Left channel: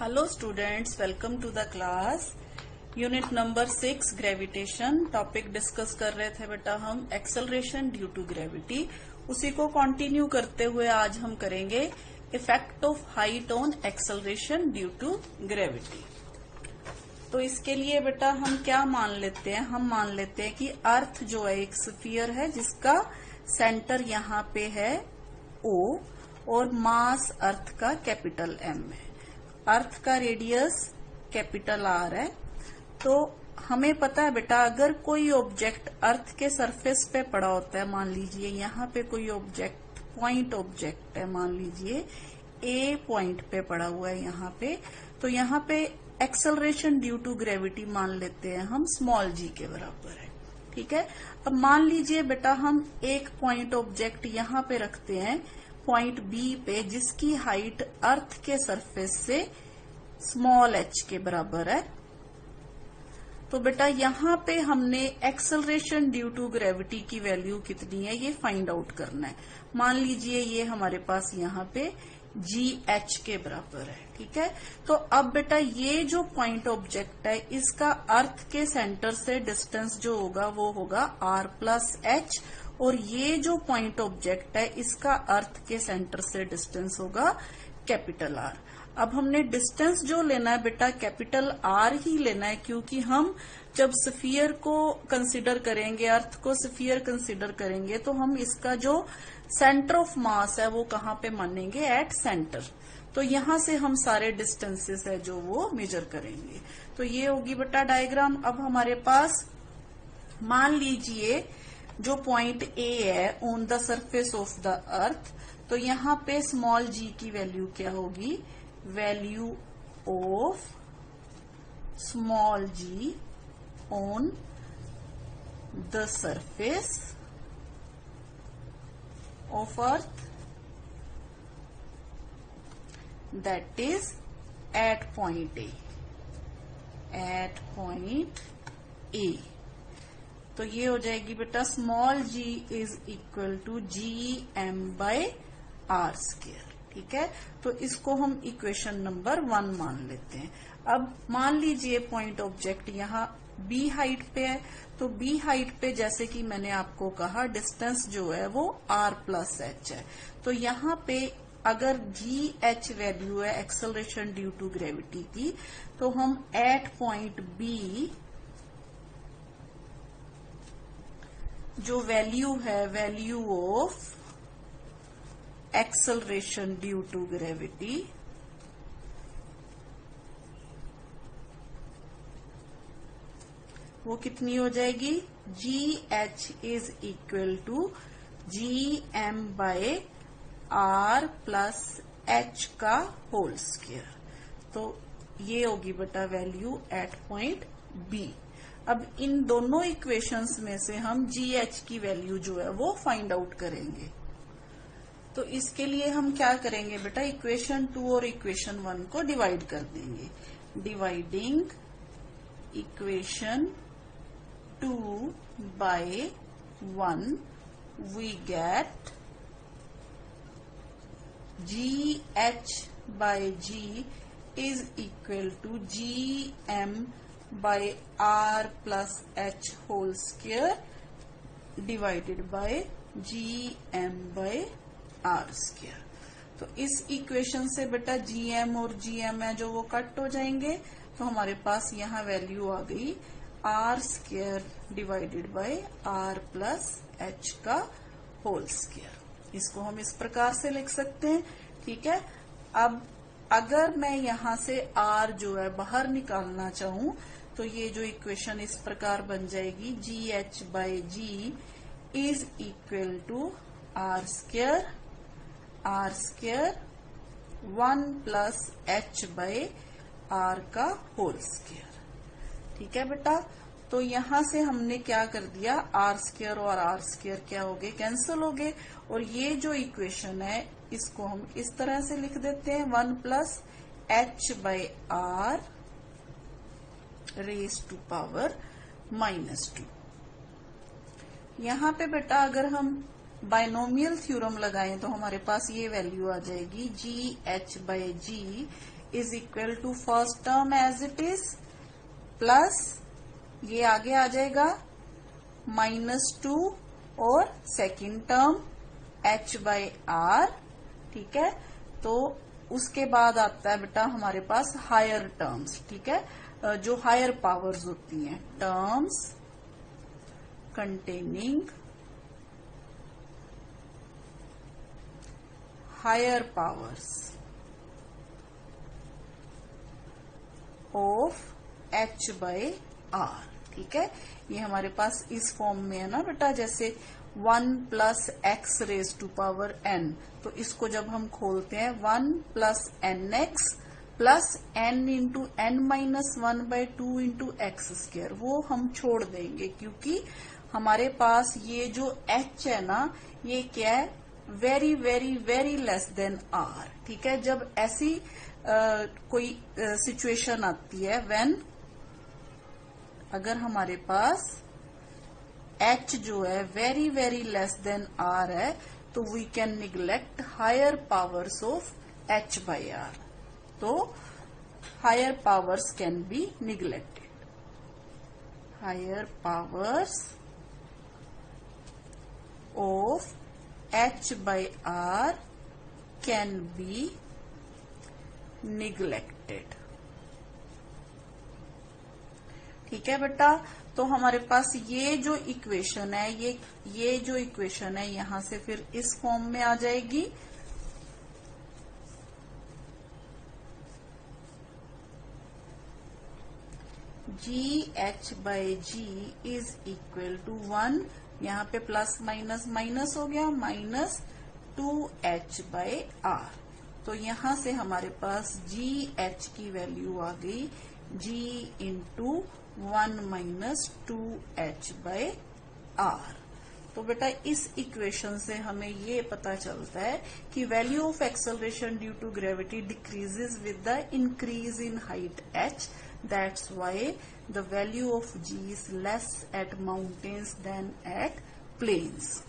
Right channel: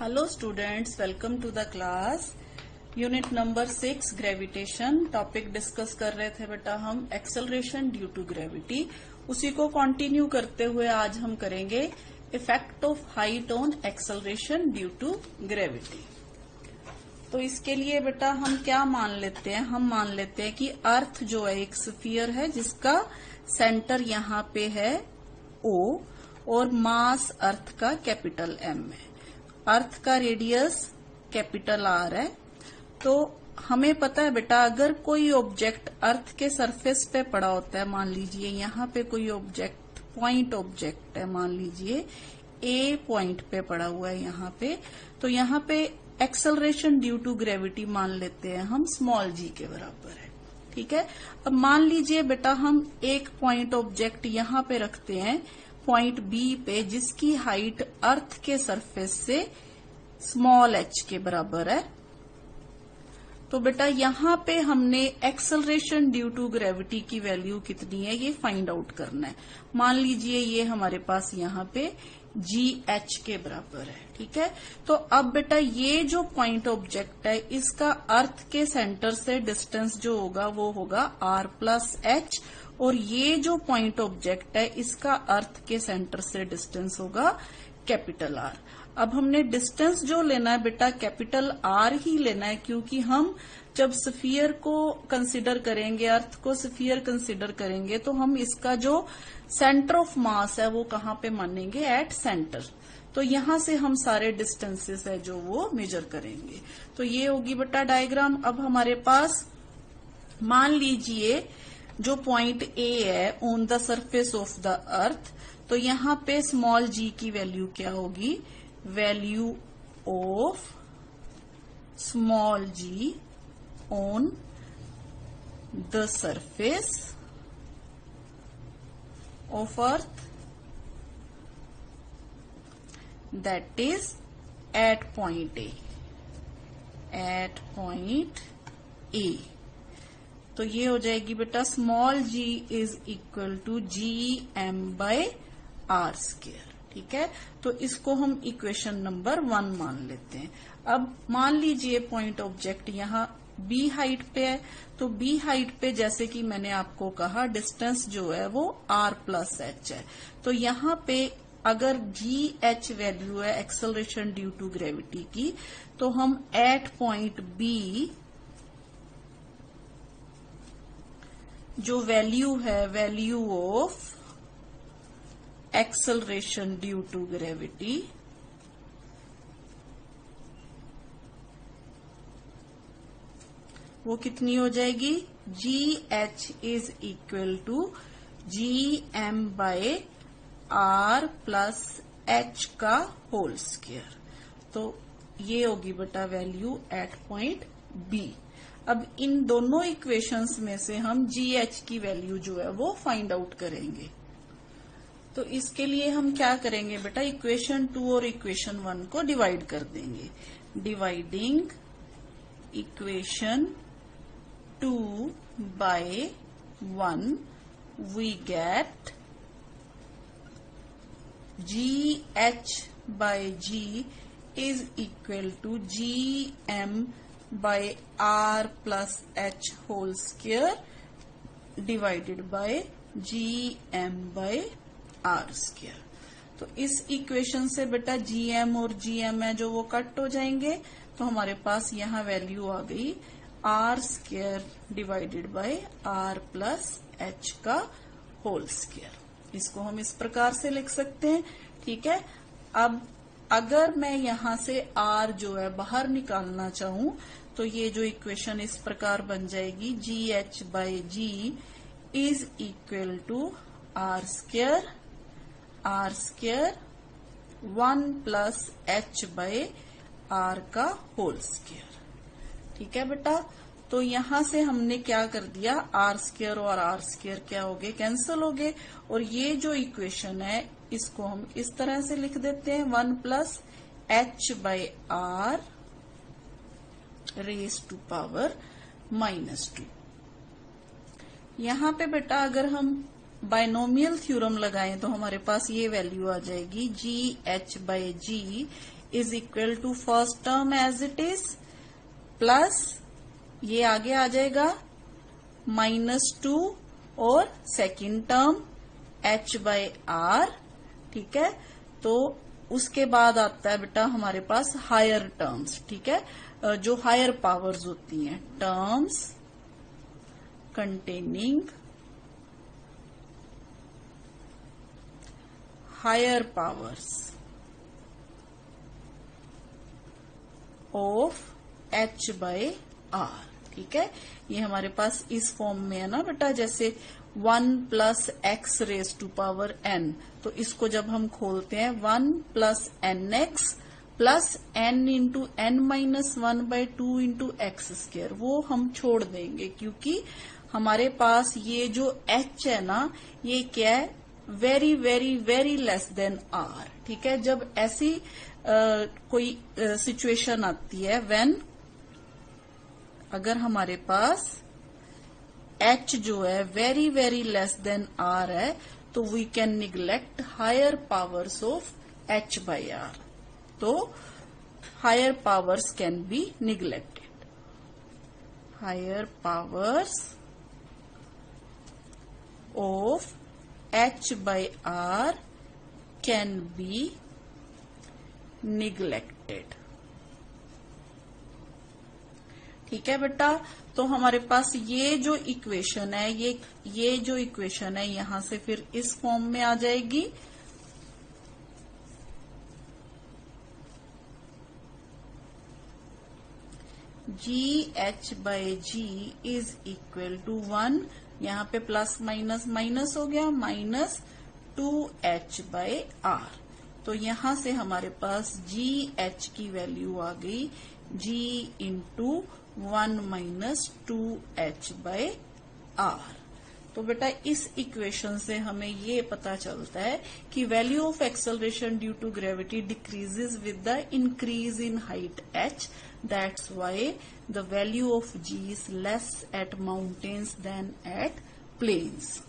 Hello students, welcome to the class. Unit number 6 gravitation topic discuss कर रहे थे बेटा हम एक्सेलरेशन ड्यू टू ग्रेविटी। उसी को कंटिन्यू करते हुए आज हम करेंगे effect of height on acceleration due to gravity. तो इसके लिए बेटा हम क्या मान लेते हैं, हम मान लेते हैं कि अर्थ जो है एक स्फीयर है जिसका सेंटर यहाँ पे है O और मास अर्थ का कैपिटल M है। अर्थ का रेडियस कैपिटल R है। तो हमें पता है बेटा अगर कोई ऑब्जेक्ट अर्थ के सरफेस पे पड़ा होता है, मान लीजिए यहाँ पे कोई ऑब्जेक्ट पॉइंट ऑब्जेक्ट है, मान लीजिए A पॉइंट पे पड़ा हुआ है यहाँ पे, तो यहाँ पे एक्सेलरेशन ड्यू टू ग्रेविटी मान लेते हैं हम स्मॉल g के बराबर है। ठीक है। अब मान लीजिए बेटा हम एक पॉइंट ऑब्जेक्ट यहाँ पे रखते हैं पॉइंट B पे जिसकी हाइट अर्थ के सरफेस से स्मॉल h के बराबर है। तो बेटा यहाँ पे हमने एक्सेलरेशन ड्यू टू ग्रेविटी की वैल्यू कितनी है ये फाइंड आउट करना है। मान लीजिए ये हमारे पास यहाँ पे GH के बराबर है। ठीक है। तो अब बेटा ये जो पॉइंट ऑब्जेक्ट है इसका अर्थ के सेंटर से डिस्टेंस जो होगा वो होगा R प्लस H, और ये जो पॉइंट ऑब्जेक्ट है इसका अर्थ के सेंटर से डिस्टेंस होगा कैपिटल R। अब हमने डिस्टेंस जो लेना है बेटा कैपिटल R ही लेना है, क्योंकि हम जब स्फीयर को कंसीडर करेंगे, अर्थ को स्फीयर कंसीडर करेंगे, तो हम इसका जो सेंटर ऑफ मास है वो कहाँ पे मानेंगे, एट सेंटर। तो यहां से हम सारे डिस्टेंसेस है जो वो मेजर करेंगे। तो ये होगी बेटा डायग्राम। अब हमारे पास मान लीजिए जो पॉइंट A है on the surface of the earth, तो यहाँ पे स्मॉल g की वैल्यू क्या होगी, value of small g on the surface of earth that is at point A, at point A। तो ये हो जाएगी बेटा small g is equal to GM by R square. ठीक है। तो इसको हम इक्वेशन नंबर 1 मान लेते हैं। अब मान लीजिए पॉइंट ऑब्जेक्ट यहाँ B हाइट पे है, तो B हाइट पे जैसे कि मैंने आपको कहा डिस्टेंस जो है वो R प्लस H है। तो यहाँ पे अगर GH वैल्यू है एक्सेलरेशन ड्यू टू ग्रेविटी की, तो हम एट पॉइंट B जो वैल्यू है value of acceleration due to gravity वो कितनी हो जाएगी, GH is equal to GM by R plus H का होल स्क्वायर। तो ये होगी बेटा वैल्यू एट पॉइंट B। अब इन दोनों इक्वेशंस में से हम GH की वैल्यू जो है वो फाइंड आउट करेंगे। तो इसके लिए हम क्या करेंगे बेटा, इक्वेशन 2 और इक्वेशन 1 को डिवाइड कर देंगे। Dividing equation 2 by 1 we get GH by G is equal to GM by R plus H whole square divided by GM by R square। तो इस इक्वेशन से बेटा GM और GM है जो वो कट हो जाएंगे, तो हमारे पास यहाँ वैल्यू आ गई R square divided by R plus H का होल स्क्वायर। इसको हम इस प्रकार से लिख सकते हैं। ठीक है। अब अगर मैं यहाँ से R जो है बाहर निकालना चाहूं, तो ये जो इक्वेशन इस प्रकार बन जाएगी, GH by G is equal to R square 1 plus H by R का होल स्क्वायर। ठीक है बेटा। तो यहाँ से हमने क्या कर दिया, R स्क्वायर और R स्क्वायर क्या हो गए, कैंसिल हो गए। और ये जो इक्वेशन है इसको हम इस तरह से लिख देते हैं, 1 plus H by R raise to power -2। यहाँ पे बेटा अगर हम बाइनोमियल थ्योरम लगाएं तो हमारे पास ये वैल्यू आ जाएगी GH by G is equal to first term as it is plus ये आगे आ जाएगा -2 और सेकेंड टर्म h/r। ठीक है, तो उसके बाद आता है बेटा हमारे पास हायर टर्म्स। ठीक है, जो हायर पावर्स होती हैं, terms containing higher powers of h/r। ठीक है, ये हमारे पास इस फॉर्म में है ना बेटा, जैसे 1 + x⁻n, तो इसको जब हम खोलते हैं 1 + nx + n × n-1/2 × x², वो हम छोड़ देंगे क्योंकि हमारे पास ये जो h है ना, ये क्या है, very very very less than r। ठीक है, जब ऐसी कोई सिचुएशन आती है व्हेन अगर हमारे पास h जो है very very less than r है, तो we can neglect higher powers of h/r। तो higher powers can be neglected. Higher powers of h/r can be neglected. ठीक है बेटा, तो हमारे पास ये जो इक्वेशन है, ये जो इक्वेशन है यहां से फिर इस फॉर्म में आ जाएगी। GH/g इज इक्वल टू 1, यहाँ पे प्लस माइनस माइनस हो गया, -2h/r। तो यहां से हमारे पास GH की वैल्यू आ गई G × 1 - 2h/r। तो बेटा इस इक्वेशन से हमें ये पता चलता है कि value of acceleration due to gravity decreases with the increase in height h। That's why the value of g is less at mountains than at plains.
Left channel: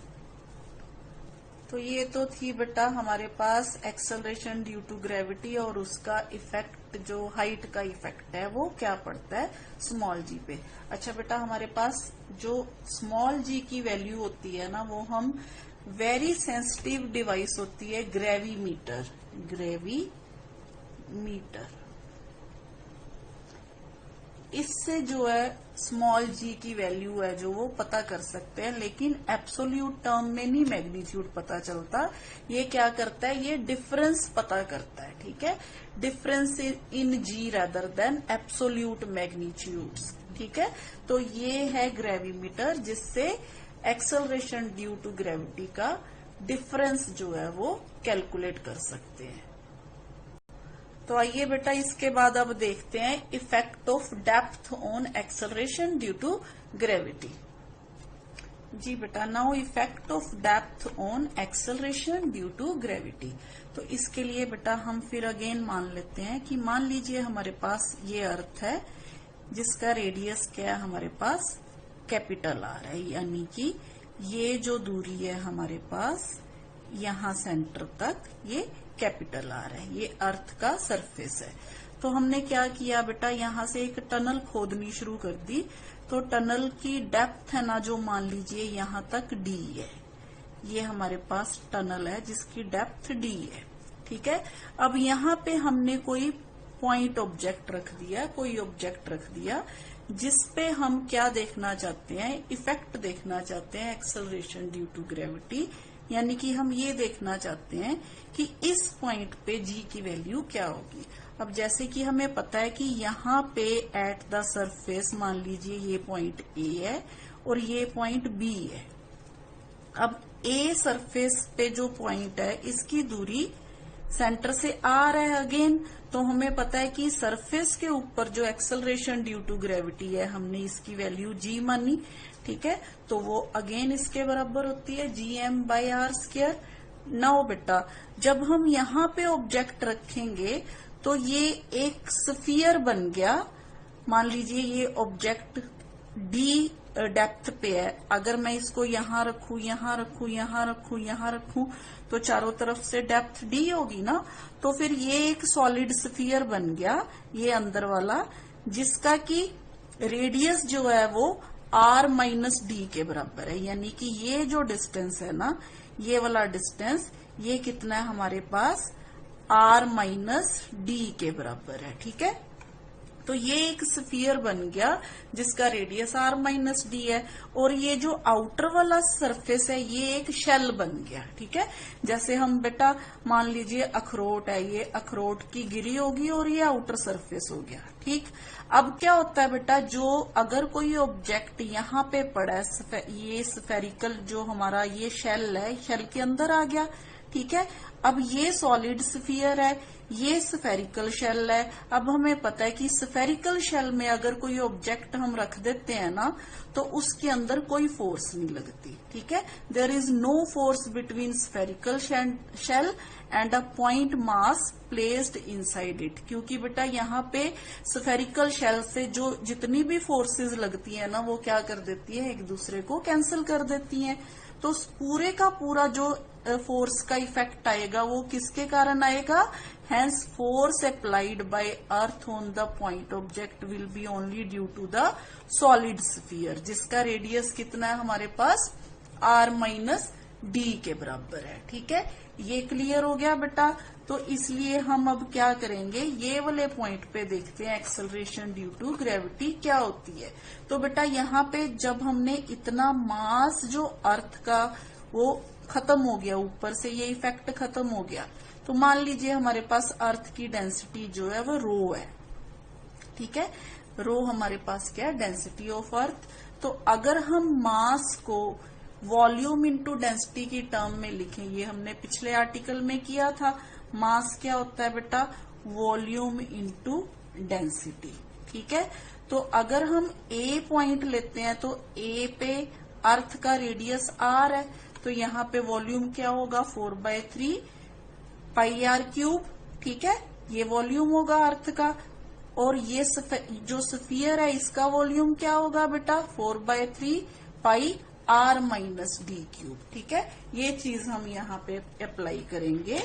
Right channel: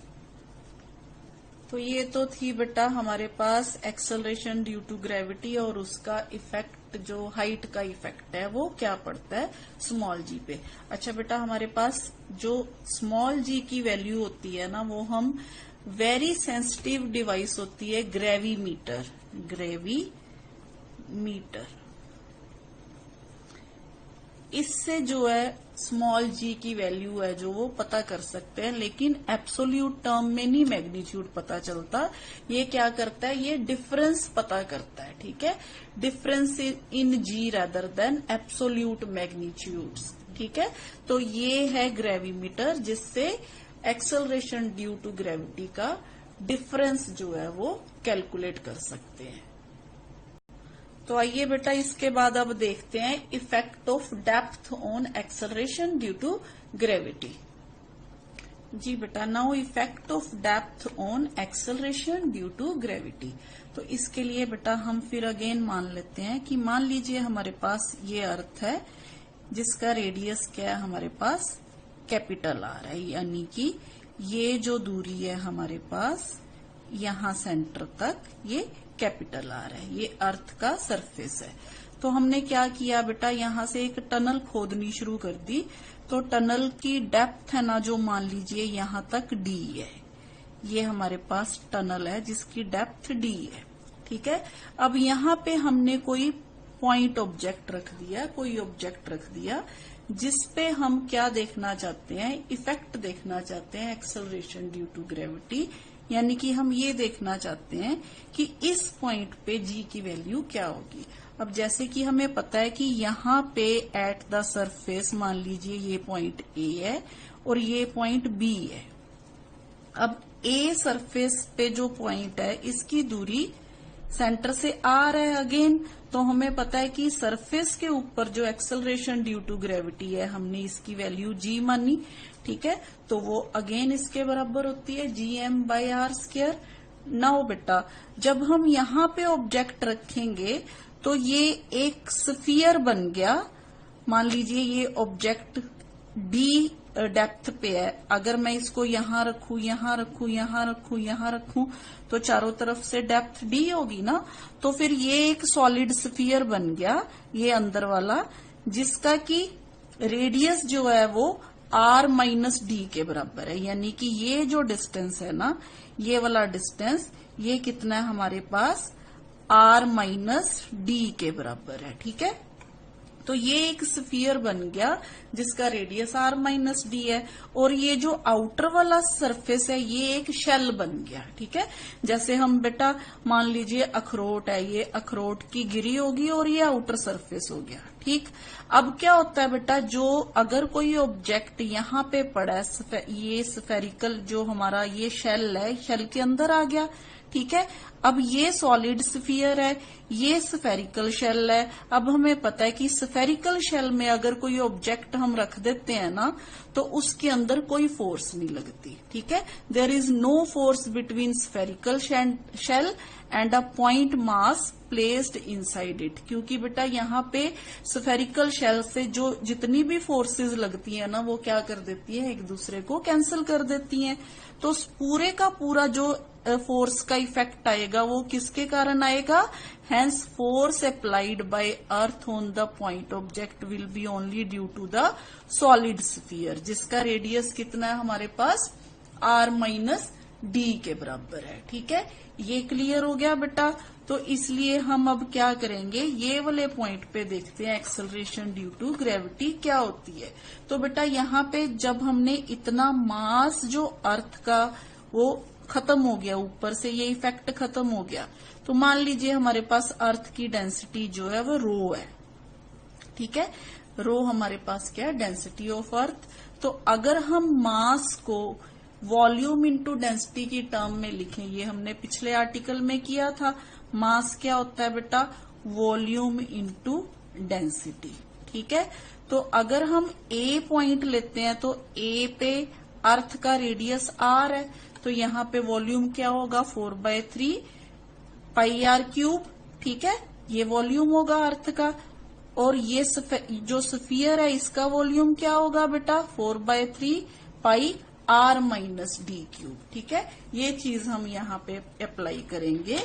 तो ये तो थी बेटा हमारे पास एक्सेलरेशन ड्यू टू ग्रेविटी, और उसका इफेक्ट जो हाइट का इफेक्ट है वो क्या पड़ता है स्मॉल जी पे। अच्छा बेटा, हमारे पास जो स्मॉल जी की वैल्यू होती है ना, वो हम वेरी सेंसिटिव डिवाइस होती है ग्रेविमीटर। इससे जो है स्मॉल जी की वैल्यू है जो वो पता कर सकते हैं, लेकिन एब्सोल्यूट टर्म में नहीं मैग्नीट्यूड पता चलता। ये क्या करता है, ये डिफरेंस पता करता है। ठीक है, difference in g rather than absolute magnitudes. ठीक है, तो ये है ग्रेविमीटर, जिससे एक्सेलरेशन ड्यू टू ग्रेविटी का डिफरेंस जो है वो कैलकुलेट कर सकते हैं। तो आइए बेटा इसके बाद अब देखते हैं effect of depth on acceleration due to gravity. जी बेटा, now effect of depth on acceleration due to gravity. तो इसके लिए बेटा हम फिर अगेन मान लेते हैं कि मान लीजिए हमारे पास ये अर्थ है जिसका रेडियस क्या है हमारे पास कैपिटल R है, यानी कि ये जो दूरी है हमारे पास यहां सेंटर तक ये कैपिटल R है, ये अर्थ का सरफेस है। तो हमने क्या किया बेटा, यहां से एक टनल खोदनी शुरू कर दी। तो टनल की डेप्थ है ना, जो मान लीजिए यहां तक D है, ये हमारे पास टनल है जिसकी डेप्थ D है। ठीक है, अब यहाँ पे हमने कोई पॉइंट ऑब्जेक्ट रख दिया, जिसपे हम क्या देखना चाहते हैं, इफेक्ट देखना चाहते हैं एक्सेलरेशन ड्यू टू ग्रेविटी। यानी कि हम ये देखना चाहते हैं कि इस पॉइंट पे जी की वैल्यू क्या होगी। अब जैसे कि हमें पता है कि यहाँ पे एट द सरफेस मान लीजिए ये पॉइंट ए है और ये पॉइंट बी है। अब ए सरफेस पे जो पॉइंट है इसकी दूरी सेंटर से R है अगेन। तो हमें पता है कि सरफेस के ऊपर जो एक्सेलरेशन ड्यू टू ग्रेविटी है हमने इसकी वैल्यू जी मानी। ठीक है, तो वो अगेन इसके बराबर होती है gm/r²। नाउ बेटा, जब हम यहाँ पे ऑब्जेक्ट रखेंगे तो ये एक स्फीयर बन गया। मान लीजिए ये ऑब्जेक्ट D डेप्थ पे है, अगर मैं इसको यहां रखूं, यहां रखूं, यहां रखूं, यहां रखूं, तो चारों तरफ से डेप्थ डी होगी ना। तो फिर ये एक सॉलिड स्फीयर बन गया, ये अंदर वाला, जिसका कि रेडियस जो है वो r माइनस डी के बराबर है। यानी कि ये जो डिस्टेंस है ना, ये वाला डिस्टेंस, ये कितना है हमारे पास, r माइनस डी के बराबर है। ठीक है, तो ये एक स्फीयर बन गया जिसका रेडियस r माइनस डी है। और ये जो आउटर वाला सरफेस है ये एक शेल बन गया। ठीक है, जैसे हम बेटा मान लीजिए अखरोट है, ये अखरोट की गिरी होगी और ये आउटर सरफेस हो गया। ठीक, अब क्या होता है बेटा, जो अगर कोई ऑब्जेक्ट यहाँ पे पड़ा है, ये स्फेरिकल जो हमारा ये शेल है, शेल के अंदर आ गया। ठीक है, अब ये सॉलिड स्फीयर है, ये स्फेरिकल शेल है। अब हमें पता है कि स्फेरिकल शेल में अगर कोई ऑब्जेक्ट हम रख देते हैं ना, तो उसके अंदर कोई फोर्स नहीं लगती। ठीक है, there is no force between spherical shell and a point mass placed inside it. क्योंकि बेटा यहाँ पे स्फेरिकल शेल से जो जितनी भी फोर्सेस लगती है ना, वो क्या कर देती है, एक दूसरे को कैंसिल कर देती हैं। तो पूरे का पूरा जो फोर्स का इफेक्ट आएगा वो किसके कारण आएगा, hence force applied by earth on the point object will be only due to the solid sphere, जिसका रेडियस कितना है हमारे पास, r माइनस डी के बराबर है। ठीक है, ये क्लियर हो गया बेटा। तो इसलिए हम अब क्या करेंगे, ये वाले पॉइंट पे देखते हैं एक्सेलरेशन ड्यू टू ग्रेविटी क्या होती है। तो बेटा यहाँ पे जब हमने इतना मास जो अर्थ का वो खत्म हो गया, ऊपर से ये इफेक्ट खत्म हो गया, तो मान लीजिए हमारे पास अर्थ की डेंसिटी जो है वो रो है। ठीक है, रो हमारे पास क्या है, डेंसिटी ऑफ अर्थ। तो अगर हम मास को वॉल्यूम इनटू डेंसिटी की टर्म में लिखें, ये हमने पिछले आर्टिकल में किया था, मास क्या होता है बेटा, वॉल्यूम इनटू डेंसिटी। ठीक है, तो अगर हम ए पॉइंट लेते हैं तो ए पे अर्थ का रेडियस r है, तो यहाँ पे वॉल्यूम क्या होगा, 4/3 पाई r क्यूब। ठीक है, ये वॉल्यूम होगा अर्थ का। और ये जो स्फीयर है इसका वॉल्यूम क्या होगा बेटा, 4/3 pi r minus D cube. ठीक है, ये चीज हम यहाँ पे अप्लाई करेंगे।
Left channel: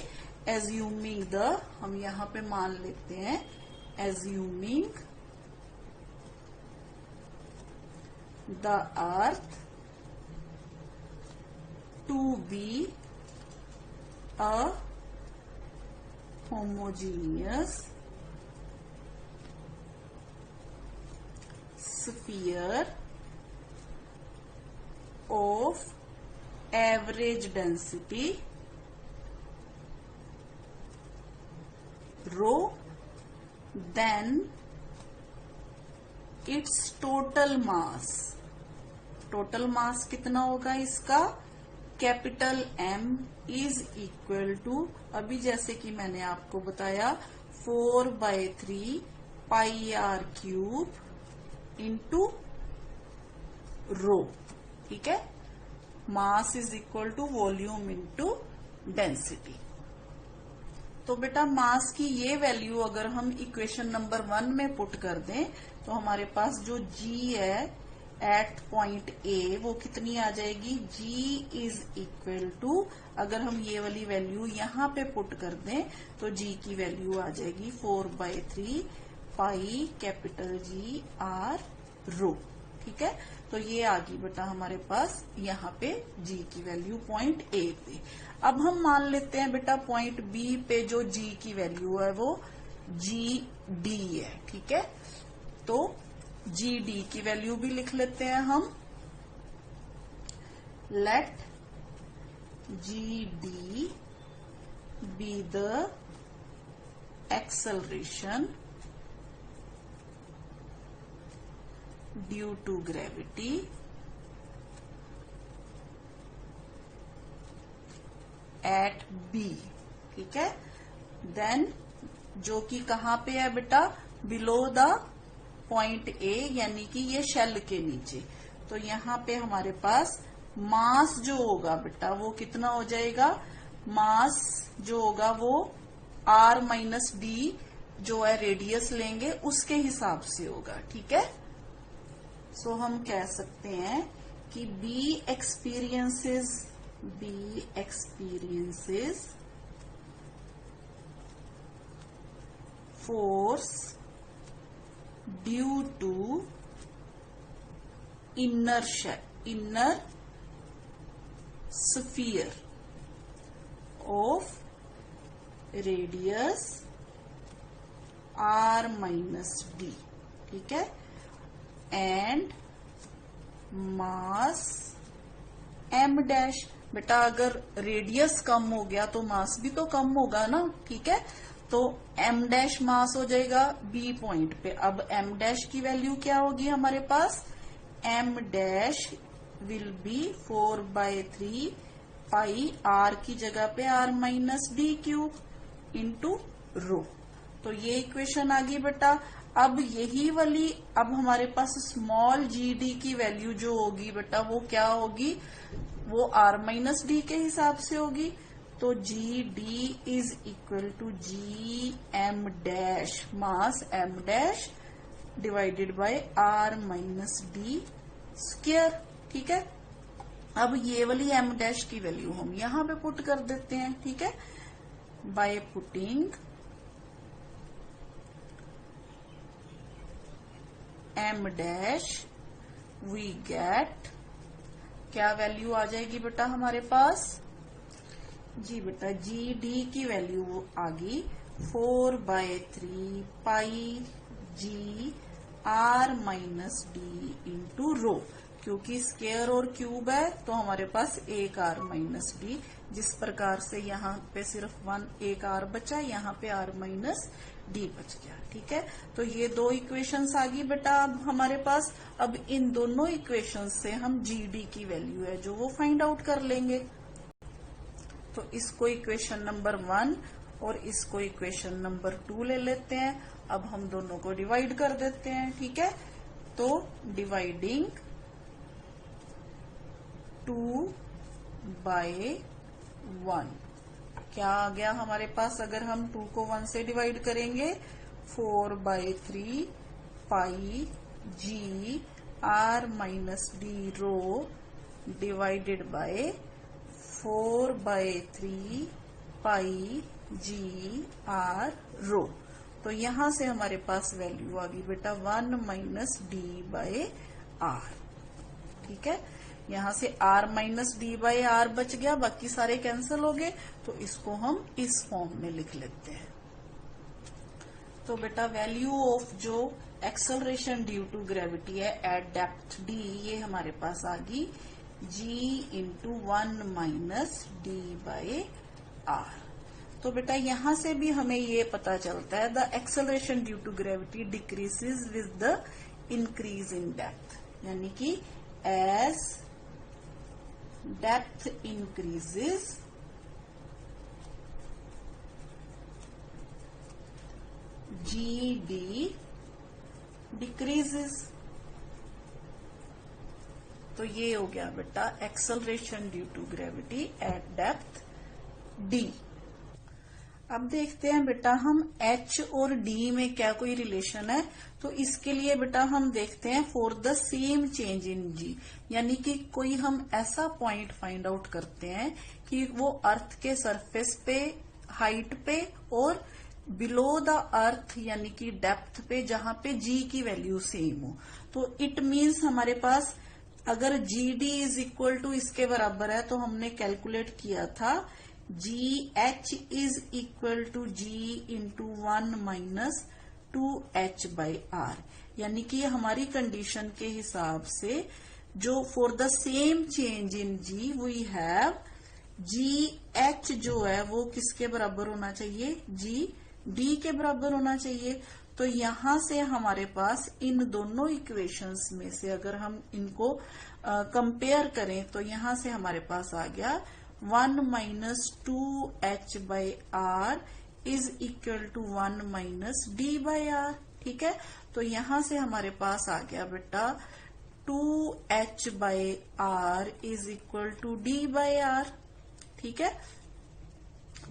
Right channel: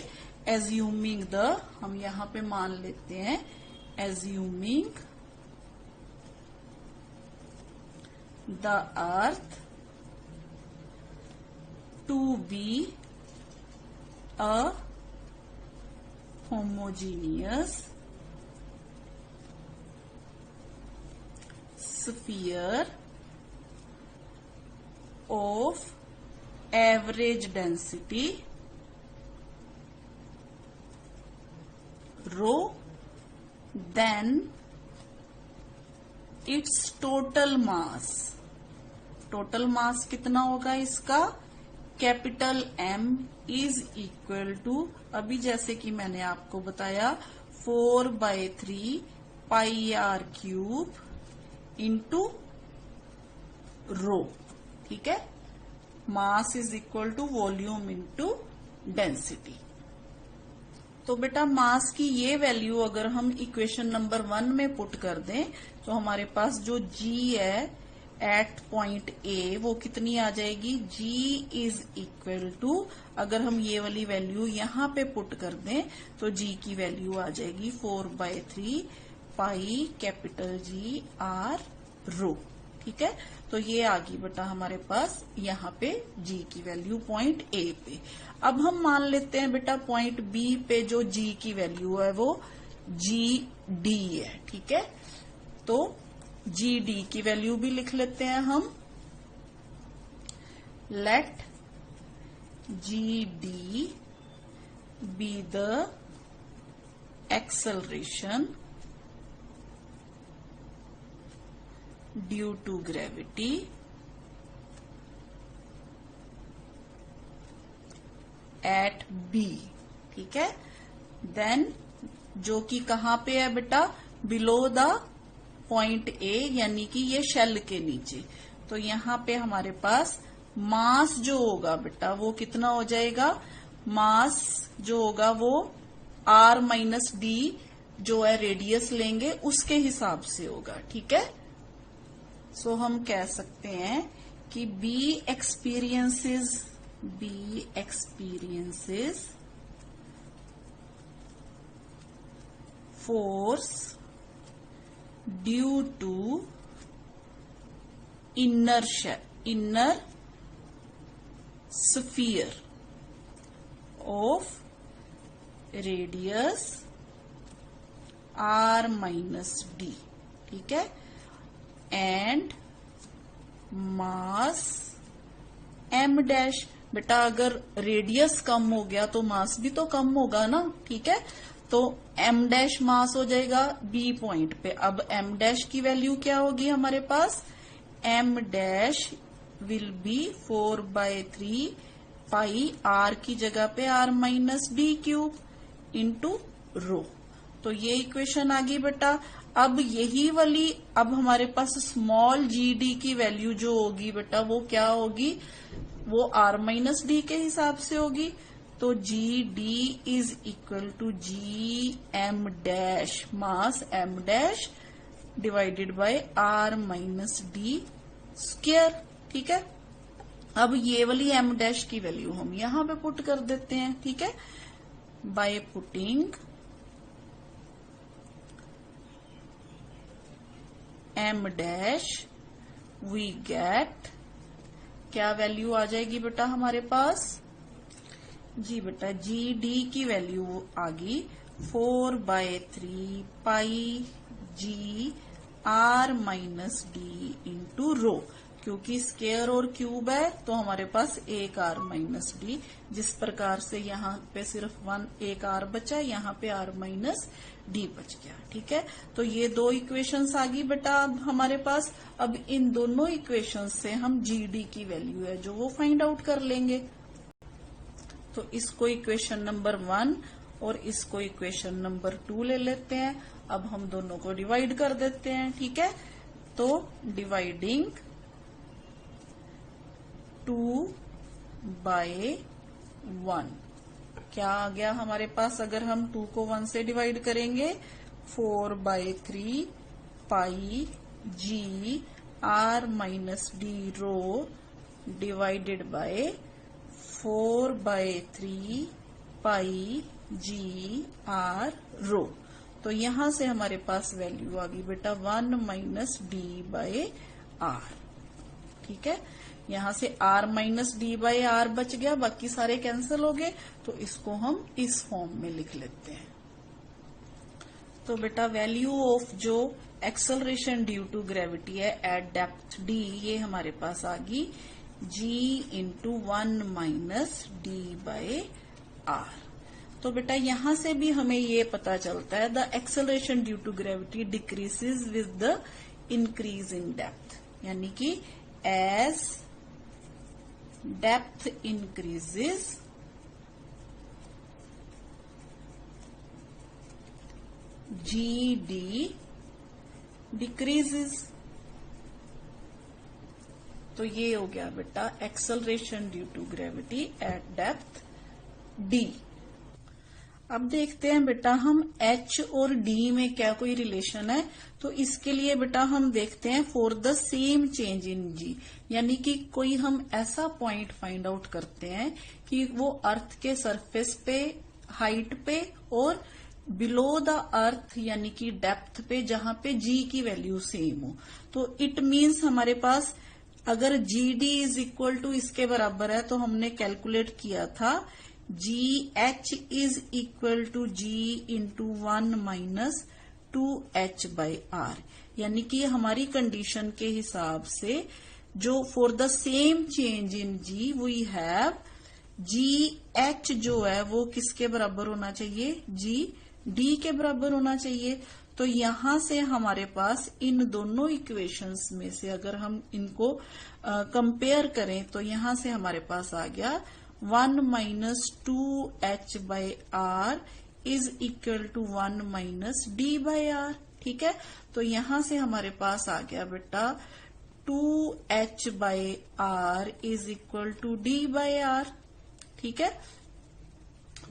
एज्यूमिंग द, हम यहाँ पे मान लेते हैं, assuming the earth to be a homogeneous sphere of average density rho, then its total mass, total mass कितना होगा इसका, capital M is equal to, अभी जैसे कि मैंने आपको बताया, 4/3 pi r cube into rho. ठीक है, mass is equal to volume into density. तो बेटा मास की ये वैल्यू अगर हम इक्वेशन नंबर 1 में पुट कर दें, तो हमारे पास जो g है एट पॉइंट ए वो कितनी आ जाएगी, g इज इक्वल टू, अगर हम ये वाली वैल्यू यहाँ पे पुट कर दें तो g की वैल्यू आ जाएगी 4/3 पाई कैपिटल G R रो। ठीक है, तो ये आ गई बेटा हमारे पास यहाँ पे g की वैल्यू पॉइंट ए पे। अब हम मान लेते हैं बेटा पॉइंट बी पे जो g की वैल्यू है वो GD है। ठीक है, तो GD की वैल्यू भी लिख लेते हैं हम, let GD be the acceleration due to gravity at B। ठीक है, देन जो कि कहाँ पे है बेटा, बिलो द पॉइंट ए, यानी कि ये शेल के नीचे। तो यहाँ पे हमारे पास मास जो होगा बेटा वो कितना हो जाएगा, मास जो होगा वो r माइनस डी जो है रेडियस लेंगे उसके हिसाब से होगा। ठीक है, सो हम कह सकते हैं कि B experiences force due to inner sphere of radius r minus d, ठीक है, एंड मास m डैश। बेटा अगर रेडियस कम हो गया तो मास भी तो कम होगा ना, ठीक है, तो m डैश मास हो जाएगा B पॉइंट पे। अब m डैश की वैल्यू क्या होगी हमारे पास, m dash will be 4/3 pi r की जगह पे r minus D cube into रो। तो ये इक्वेशन आ गई बेटा। अब यही वाली अब हमारे पास स्मॉल जी डी की वैल्यू जो होगी बेटा वो क्या होगी, वो r माइनस डी के हिसाब से होगी। तो g d is equal to g m dash mass m dash divided by r minus d square, ठीक है। अब ये वाली m डैश की वैल्यू हम यहां पे पुट कर देते हैं, ठीक है, by putting m dash we get, क्या वैल्यू आ जाएगी बेटा हमारे पास, जी बेटा जी डी की वैल्यू आ गई 4/3 pi g r minus D into rho. क्योंकि स्क्वायर और क्यूब है तो हमारे पास एक r माइनस डी, जिस प्रकार से यहाँ पे सिर्फ एक r बचा, यहाँ पे r माइनस डी बच गया, ठीक है। तो ये दो इक्वेशंस आ गई बेटा अब हमारे पास। अब इन दोनों इक्वेशंस से हम जी डी की वैल्यू है जो वो फाइंड आउट कर लेंगे। तो इसको इक्वेशन नंबर 1 और इसको इक्वेशन नंबर 2 ले लेते हैं। अब हम दोनों को डिवाइड कर देते हैं, ठीक है। तो डिवाइडिंग 2/1 क्या आ गया हमारे पास, अगर हम 2 को 1 से डिवाइड करेंगे 4/3 pi g r minus d rho divided by 4/3 pi g r rho. तो यहां से हमारे पास वैल्यू आ गई बेटा 1 माइनस डी बाय आर, ठीक है। यहां से r minus d by R बच गया, बाकी सारे कैंसिल हो गए, तो इसको हम इस फॉर्म में लिख लेते हैं। तो बेटा वैल्यू ऑफ जो एक्सेलरेशन ड्यू टू ग्रेविटी है एट डेप्थ d, ये हमारे पास आ गई g into 1 minus d by R. तो बेटा यहां से भी हमें ये पता चलता है the acceleration due to gravity decreases with the increase in depth, यानी कि as depth increases g d decreases. तो ये हो गया बेटा acceleration due to gravity at depth d. अब देखते हैं बेटा हम h और d में क्या कोई रिलेशन है। तो इसके लिए बेटा हम देखते हैं for the same change in g, यानी कि कोई हम ऐसा पॉइंट फाइंड आउट करते हैं कि वो अर्थ के सरफेस पे, हाइट पे और बिलो द अर्थ यानी कि डेप्थ पे, जहां पे g की वैल्यू सेम हो। तो इट मीन्स हमारे पास अगर g d is equal to इसके बराबर है तो हमने कैलकुलेट किया था g h is equal to g into 1 minus 2h by R, यानी कि हमारी कंडीशन के हिसाब से जो for the same change in g we have g h जो है वो किसके बराबर होना चाहिए, जी डी के बराबर होना चाहिए। तो यहां से हमारे पास इन दोनों इक्वेशंस में से अगर हम इनको कंपेयर करें तो यहां से हमारे पास आ गया 1 minus 2h by R is equal to 1 minus d by R, ठीक है। तो यहां से हमारे पास आ गया बेटा 2h by R is equal to d by R, ठीक है।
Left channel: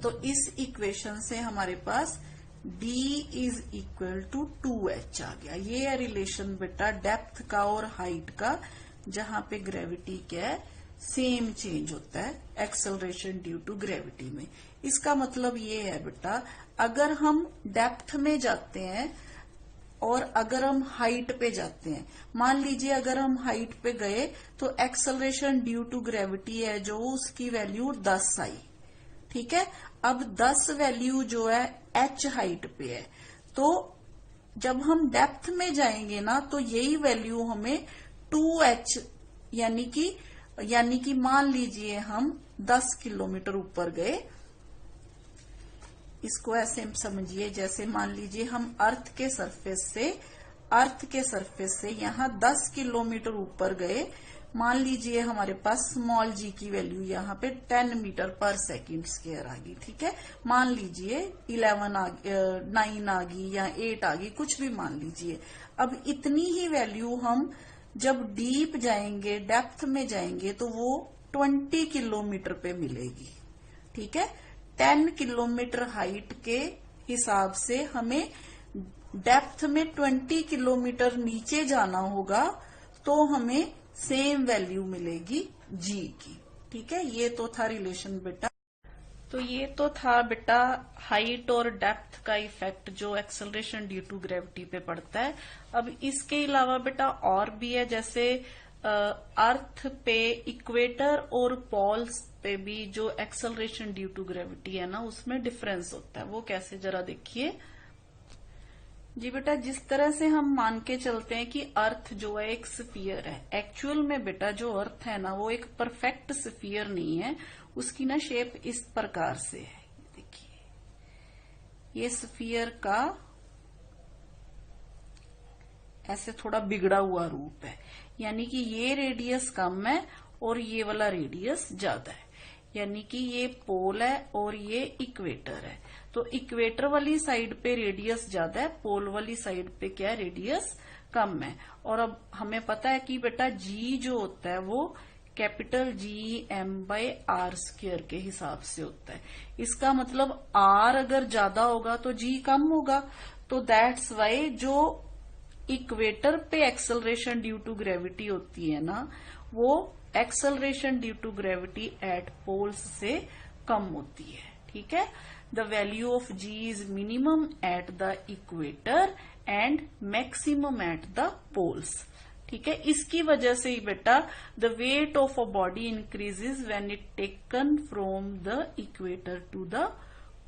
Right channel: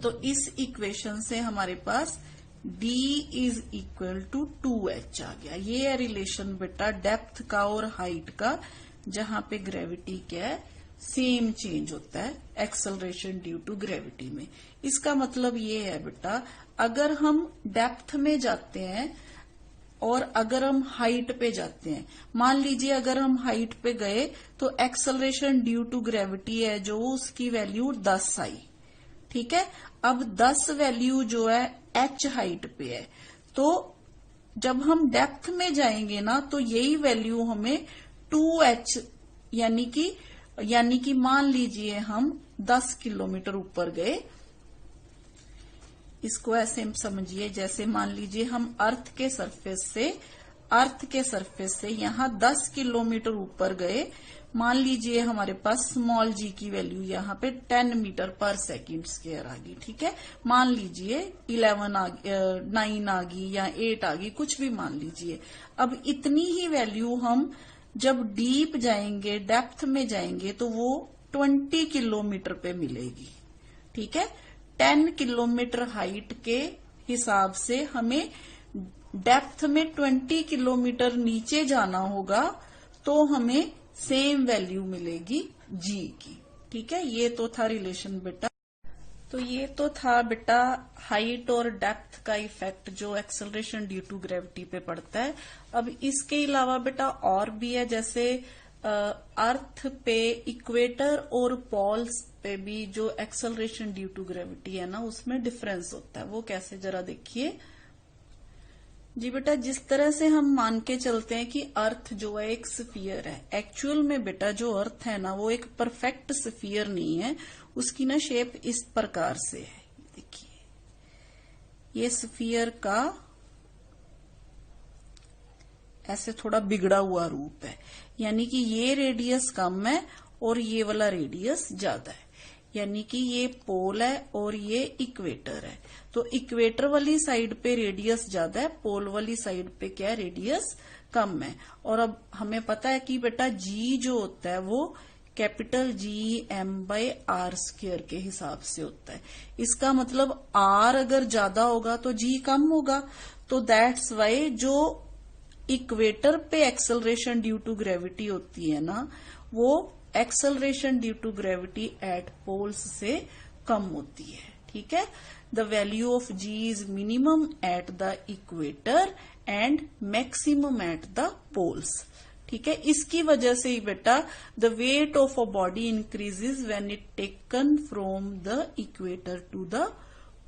तो इस इक्वेशन से हमारे पास d is equal to 2h आ गया। ये है रिलेशन बेटा डेप्थ का और हाइट का, जहां पे ग्रेविटी क्या है, सेम चेंज होता है एक्सेलरेशन ड्यू टू ग्रेविटी में। इसका मतलब ये है बेटा, अगर हम डेप्थ में जाते हैं और अगर हम हाइट पे जाते हैं, मान लीजिए अगर हम हाइट पे गए तो एक्सेलरेशन ड्यू टू ग्रेविटी है जो उसकी वैल्यू 10 आई, ठीक है। अब 10 वैल्यू जो है h हाइट पे है, तो जब हम डेप्थ में जाएंगे ना तो यही वैल्यू हमें 2h यानी कि मान लीजिए हम 10 किलोमीटर ऊपर गए। इसको ऐसे समझिए, जैसे मान लीजिए हम अर्थ के सरफेस से यहाँ 10 किलोमीटर ऊपर गए। मान लीजिए हमारे पास स्मॉल जी की वैल्यू यहाँ पे 10 मीटर पर सेकंड स्क्वायर आ गई, ठीक है। मान लीजिए 9 आ गई या 8 आ गई, कुछ भी मान लीजिए। अब इतनी ही वैल्यू हम जब डीप जाएंगे, डेप्थ में जाएंगे, तो वो 20 किलोमीटर पे मिलेगी, ठीक है। 10 किलोमीटर हाइट के हिसाब से हमें डेप्थ में 20 किलोमीटर नीचे जाना होगा, तो हमें सेम वैल्यू मिलेगी जी की, ठीक है। ये तो था रिलेशन बेटा। तो ये तो था बेटा हाइट और डेप्थ का इफेक्ट जो एक्सेलरेशन ड्यू टू ग्रेविटी पे पड़ता है। अब इसके अलावा बेटा और भी है, जैसे अर्थ पे इक्वेटर और पोल्स पे भी जो एक्सेलरेशन ड्यू टू ग्रेविटी है ना, उसमें डिफरेंस होता है। वो कैसे, जरा देखिए जी बेटा। जिस तरह से हम मान के चलते हैं कि अर्थ जो है एक स्फीयर है, एक्चुअल में बेटा जो अर्थ है ना वो एक परफेक्ट स्फीयर नहीं है। उसकी ना शेप इस प्रकार से है, देखिए ये स्फीयर का ऐसे थोड़ा बिगड़ा हुआ रूप है, यानी कि ये रेडियस कम है और ये वाला रेडियस ज्यादा है, यानी कि ये पोल है और ये इक्वेटर है। तो इक्वेटर वाली साइड पे रेडियस ज्यादा है, पोल वाली साइड पे क्या है, रेडियस कम है। और अब हमें पता है कि बेटा जी जो होता है वो कैपिटल जी m/r² के हिसाब से होता है। इसका मतलब r अगर ज्यादा होगा तो g कम होगा। तो दैट्स वाई जो इक्वेटर पे एक्सेलरेशन ड्यू टू ग्रेविटी होती है ना, वो acceleration due to gravity at poles से कम होती है, ठीक है। The value of g is minimum at the equator and maximum at the poles, ठीक है। इसकी वजह से ही बेटा the weight of a body increases when it taken from the equator to the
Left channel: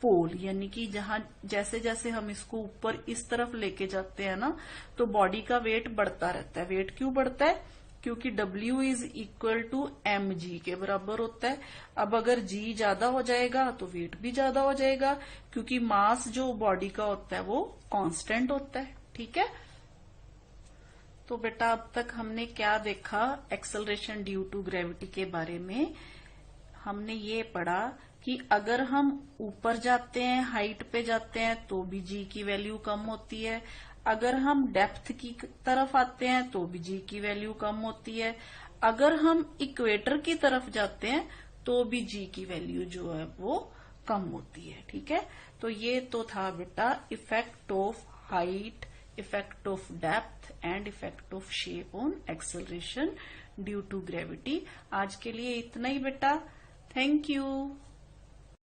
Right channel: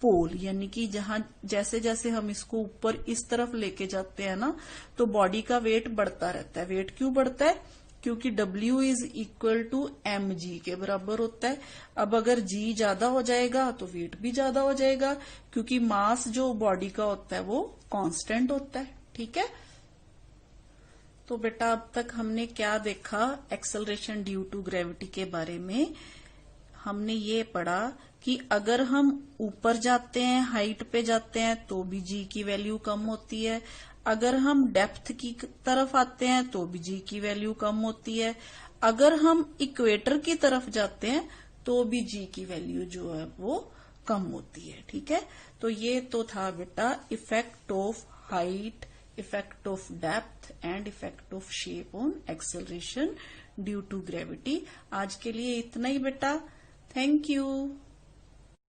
pole, यानी कि जहां जैसे जैसे हम इसको ऊपर इस तरफ लेके जाते हैं ना, तो बॉडी का वेट बढ़ता रहता है। वेट क्यों बढ़ता है, क्योंकि W is equal to mg के बराबर होता है। अब अगर g ज्यादा हो जाएगा तो वेट भी ज्यादा हो जाएगा, क्योंकि मास जो बॉडी का होता है वो कांस्टेंट होता है, ठीक है। तो बेटा अब तक हमने क्या देखा एक्सेलरेशन ड्यू टू ग्रेविटी के बारे में। हमने ये पढ़ा कि अगर हम ऊपर जाते हैं, हाइट पे जाते हैं, तो भी जी की वैल्यू कम होती है। अगर हम डेप्थ की तरफ आते हैं तो भी जी की वैल्यू कम होती है। अगर हम इक्वेटर की तरफ जाते हैं तो भी जी की वैल्यू जो है वो कम होती है, ठीक है। तो ये तो था बेटा effect of height, effect of depth and effect of shape on acceleration due to gravity. आज के लिए इतना ही बेटा, थैंक यू।